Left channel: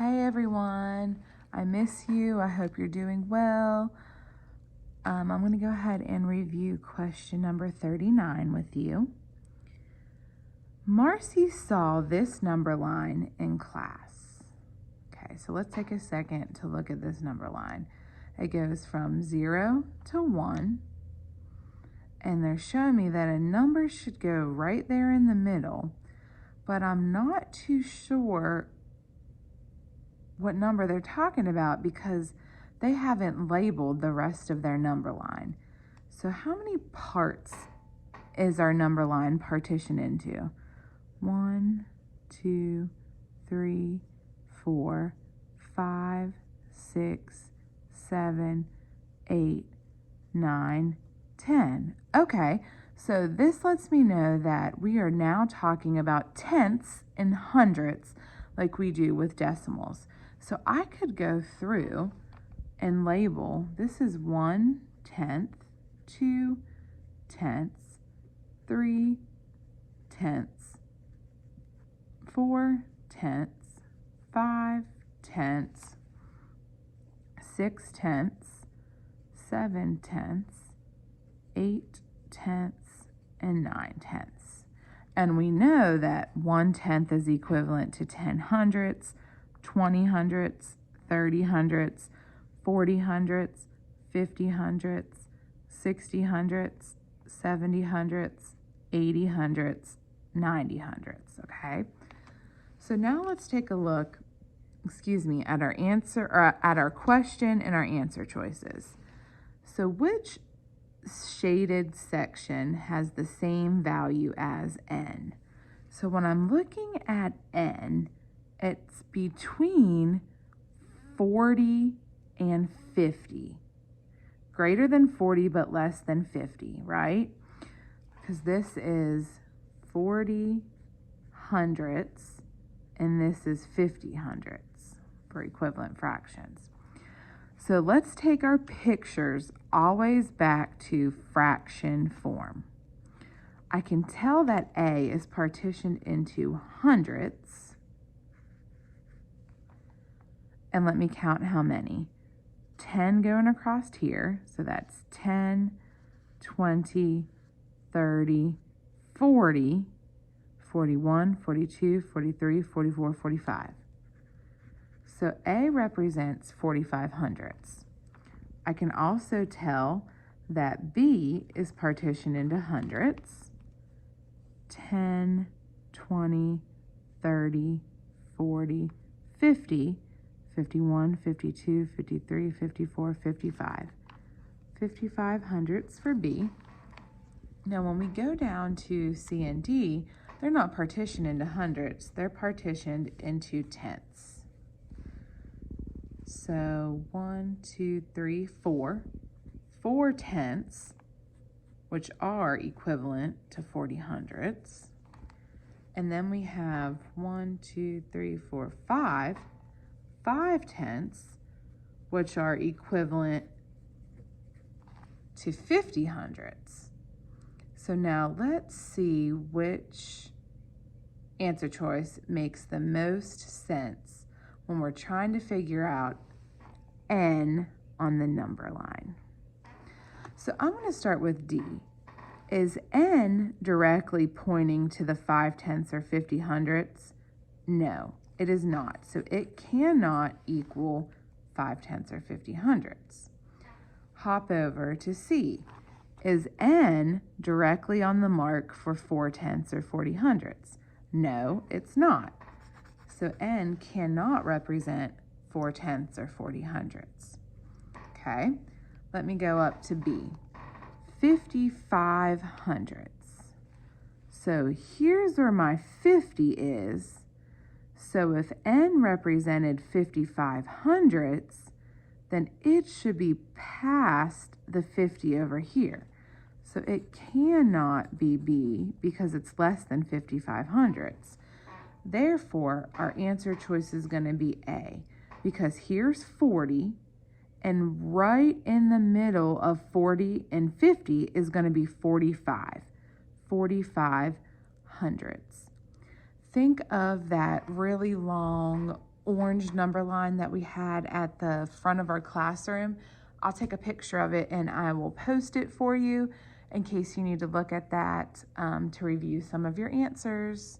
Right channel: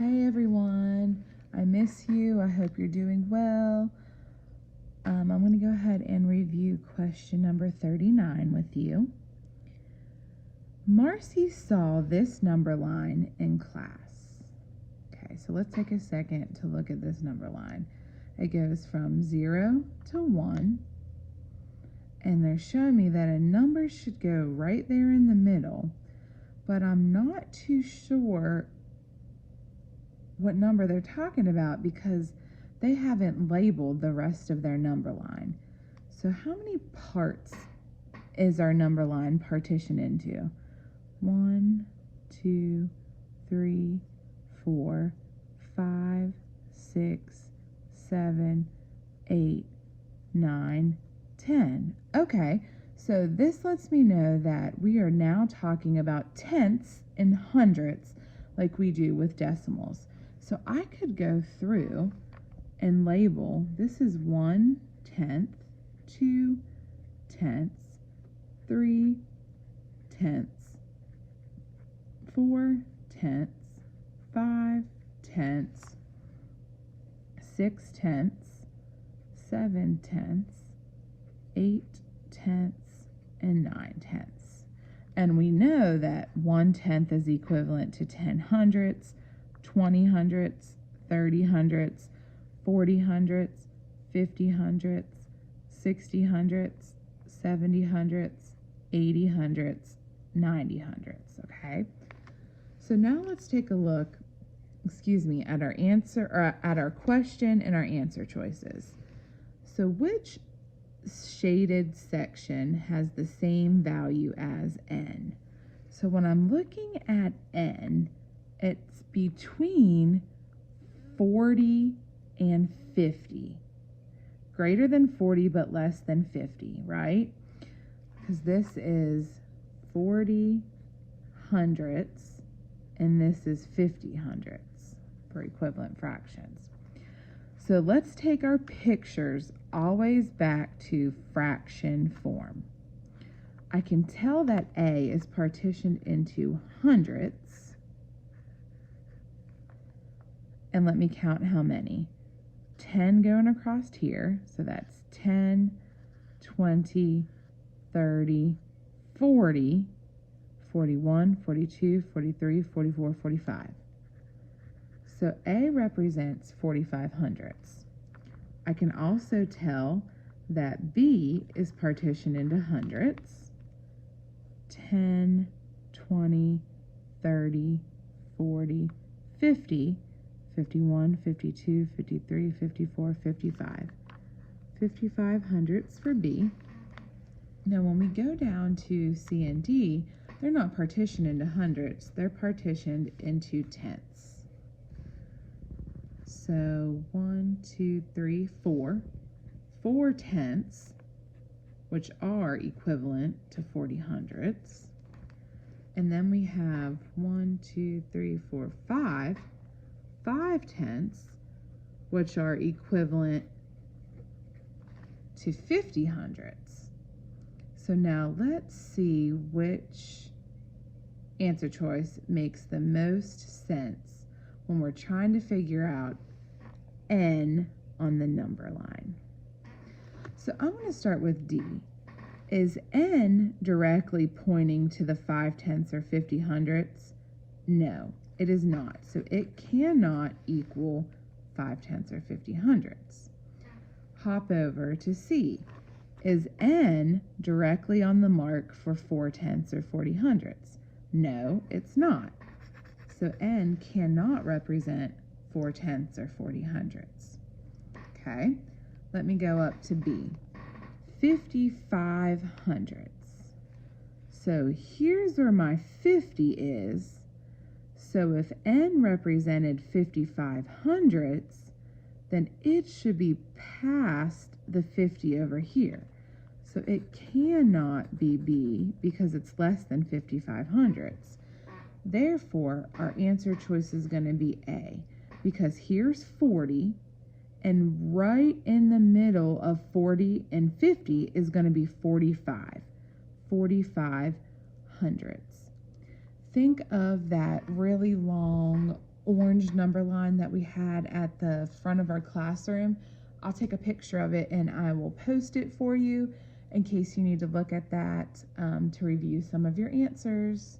Hey everyone, I miss you. I hope you're doing well. I'm going to go ahead and review question number 39 with you. Marcy saw this number line in class. Okay, so let's take a second to look at this number line. It goes from 0 to 1, and they're showing me that a number should go right there in the middle, but I'm not too sure what number they're talking about because they haven't labeled the rest of their number line. So how many parts is our number line partitioned into? 1, 2, 3, 4, 5, 6, 7, 8, 9, 10. Okay, so this lets me know that we are now talking about tenths and hundredths like we do with decimals. So I could go through and label, this is 1/10, 2/10, 3/10, 4/10, 5/10, 6/10, 7/10, 8/10, and 9/10. And we know that 1/10 is equivalent to 10 hundredths, 20 hundredths, 30 hundredths, 40 hundredths, 50 hundredths, 60 hundredths, 70 hundredths, 80 hundredths, 90 hundredths, okay? So now let's take a look, at our answer, or at our question and our answer choices. So which shaded section has the same value as n? So when I'm looking at n, it's between 40 and 50. Greater than 40 but less than 50, right? Because this is 40 hundredths and this is 50 hundredths for equivalent fractions. So let's take our pictures always back to fraction form. I can tell that A is partitioned into hundredths. And let me count how many. 10 going across here, so that's 10, 20, 30, 40, 41, 42, 43, 44, 45. So A represents 45 hundredths. I can also tell that B is partitioned into hundredths. 10, 20, 30, 40, 50, 51, 52, 53, 54, 55. 55 hundredths for B. Now when we go down to C and D, they're not partitioned into hundredths, they're partitioned into tenths. So 1, 2, 3, 4. 4 tenths, which are equivalent to 40 hundredths. And then we have 1, 2, 3, 4, 5 tenths, which are equivalent to 50 hundredths. So now let's see which answer choice makes the most sense when we're trying to figure out n on the number line. So I'm going to start with D. Is n directly pointing to the 5/10 or 50 hundredths? No, it is not. So it cannot equal 5/10 or 50 hundredths. Hop over to C. Is n directly on the mark for 4/10 or 40 hundredths? No, it's not. So n cannot represent 4/10 or 40 hundredths. Okay, let me go up to B. 55 hundredths. So here's where my 50 is. So if n represented 55 hundredths, then it should be past the 50 over here. So it cannot be B because it's less than 55 hundredths. Therefore, our answer choice is going to be A, because here's 40, and right in the middle of 40 and 50 is going to be 45. 45 hundredths. Think of that really long orange orange number line that we had at the front of our classroom. I'll take a picture of it and I will post it for you in case you need to look at that to review some of your answers.